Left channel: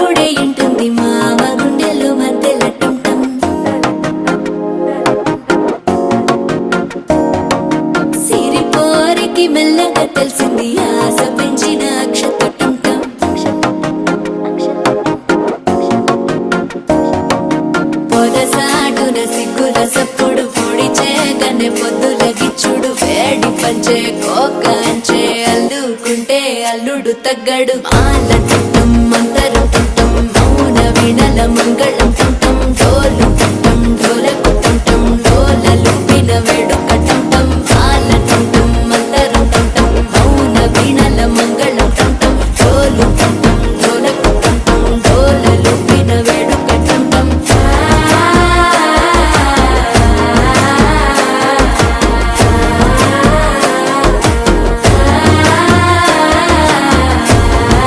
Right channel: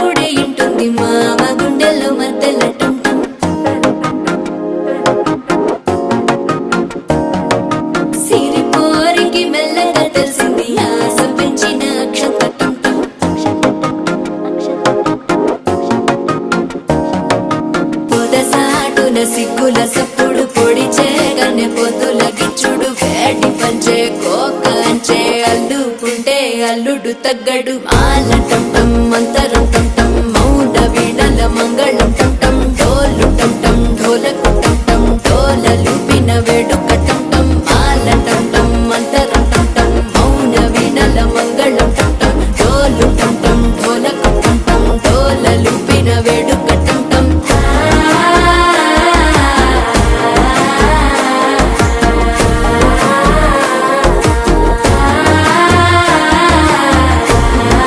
అప్పుడే ఇంటుంది మామ గుండెల్లో మధ్యల టుంటం సిరిపోరికి మెల్లగా తెలిసింది ఆశ పెంచిన అక్షత టుంటం పొదసాటున సిగ్గుల సప్పుడు పొడి చేయగానే పొద్దుల గిచ్చుడు వేడి పంచే కోకలంచే అల్లుకుంటే అల్లుడు తగ్గడు మాల టుంటం మంతరం